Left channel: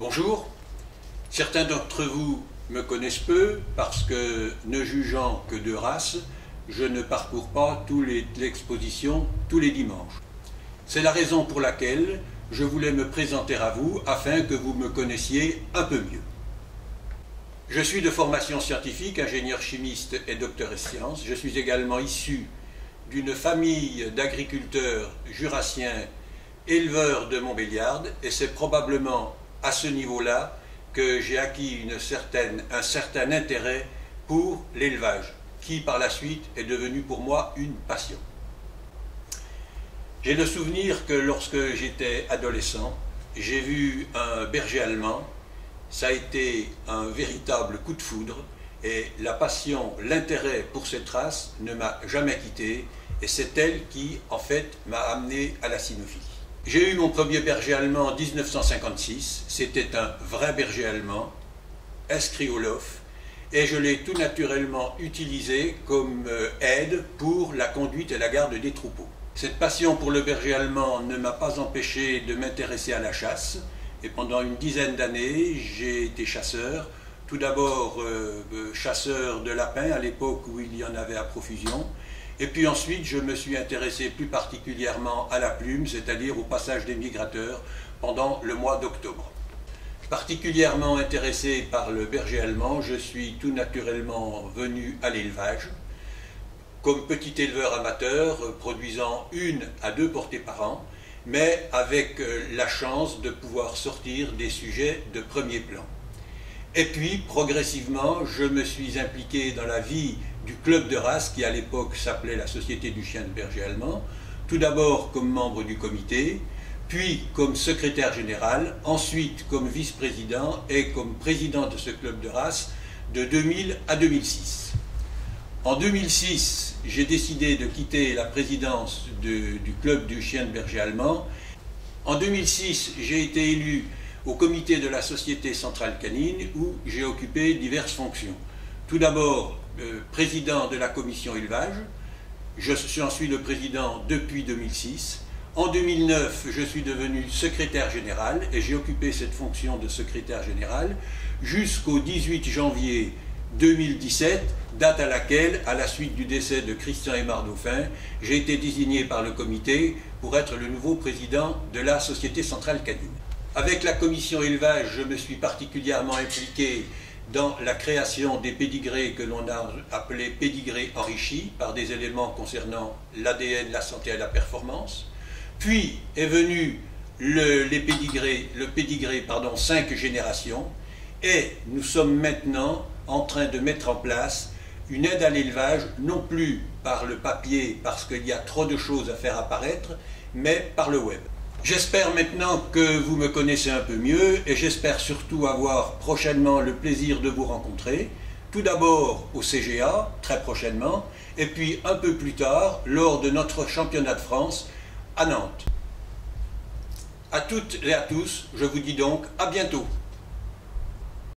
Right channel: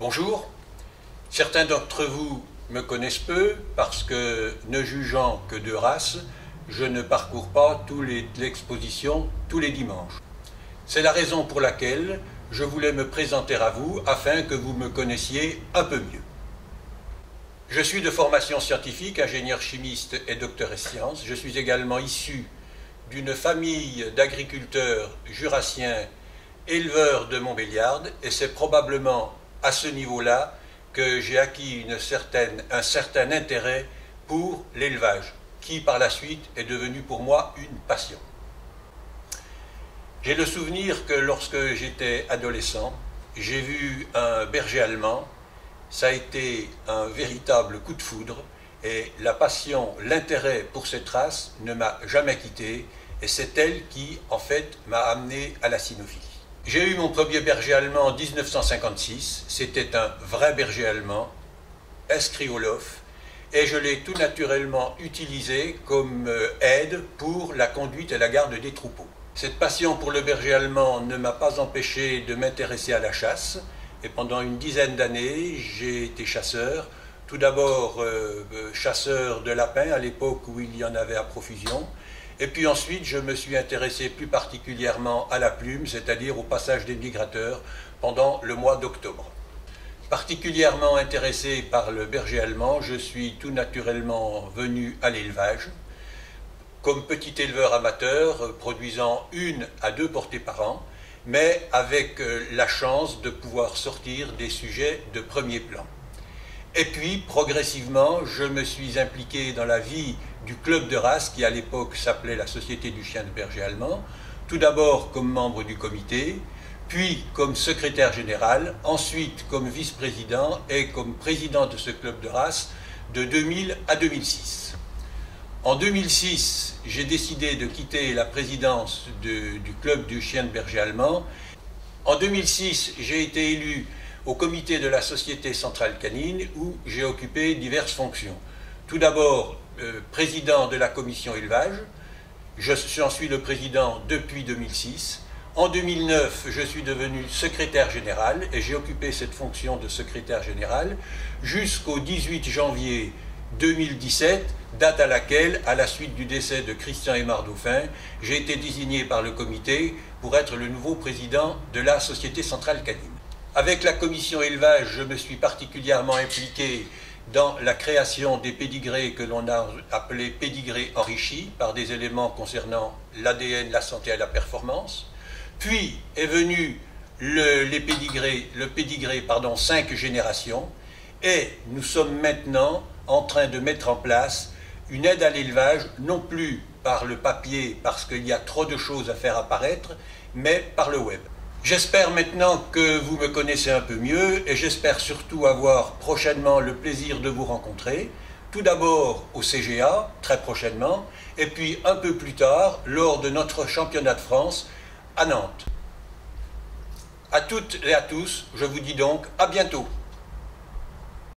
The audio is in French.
Bonjour, certains d'entre vous me connaissent peu parce que, ne jugeant que de race, je ne parcours pas l'exposition tous les dimanches. C'est la raison pour laquelle je voulais me présenter à vous afin que vous me connaissiez un peu mieux. Je suis de formation scientifique, ingénieur chimiste et docteur en sciences. Je suis également issu d'une famille d'agriculteurs jurassiens éleveurs de Montbéliarde et c'est probablement à ce niveau-là que j'ai acquis un certain intérêt pour l'élevage, qui par la suite est devenu pour moi une passion. J'ai le souvenir que lorsque j'étais adolescent, j'ai vu un berger allemand. Ça a été un véritable coup de foudre et la passion, l'intérêt pour cette race ne m'a jamais quitté et c'est elle qui, en fait, m'a amené à la cynophilie. J'ai eu mon premier berger allemand en 1956, c'était un vrai berger allemand, inscrit au LOF, et je l'ai tout naturellement utilisé comme aide pour la conduite et la garde des troupeaux. Cette passion pour le berger allemand ne m'a pas empêché de m'intéresser à la chasse, et pendant une dizaine d'années, j'ai été chasseur. Tout d'abord chasseur de lapins à l'époque où il y en avait à profusion. Et puis ensuite, je me suis intéressé plus particulièrement à la plume, c'est-à-dire au passage des migrateurs pendant le mois d'octobre. Particulièrement intéressé par le berger allemand, je suis tout naturellement venu à l'élevage. Comme petit éleveur amateur, produisant 1 à 2 portées par an, mais avec la chance de pouvoir sortir des sujets de premier plan. Et puis, progressivement, je me suis impliqué dans la vie du club de race, qui à l'époque s'appelait la Société du chien de berger allemand, tout d'abord comme membre du comité, puis comme secrétaire général, ensuite comme vice-président et comme président de ce club de race de 2000 à 2006. En 2006, j'ai décidé de quitter la présidence du club du chien de berger allemand. En 2006, j'ai été élu au comité de la Société centrale canine où j'ai occupé diverses fonctions. Tout d'abord, président de la commission élevage. J'en suis le président depuis 2006. En 2009, je suis devenu secrétaire général et j'ai occupé cette fonction de secrétaire général jusqu'au 18 janvier 2017, date à laquelle, à la suite du décès de Christian Aymar Dauphin, j'ai été désigné par le comité pour être le nouveau président de la Société centrale canine. Avec la commission élevage, je me suis particulièrement impliqué dans la création des pédigrés que l'on a appelés pédigrés enrichis par des éléments concernant l'ADN, la santé et la performance. Puis est venu le pédigré 5 générations et nous sommes maintenant en train de mettre en place une aide à l'élevage, non plus par le papier parce qu'il y a trop de choses à faire apparaître, mais par le web. J'espère maintenant que vous me connaissez un peu mieux et j'espère surtout avoir prochainement le plaisir de vous rencontrer, tout d'abord au CGA, très prochainement, et puis un peu plus tard, lors de notre championnat de France à Nantes. À toutes et à tous, je vous dis donc à bientôt.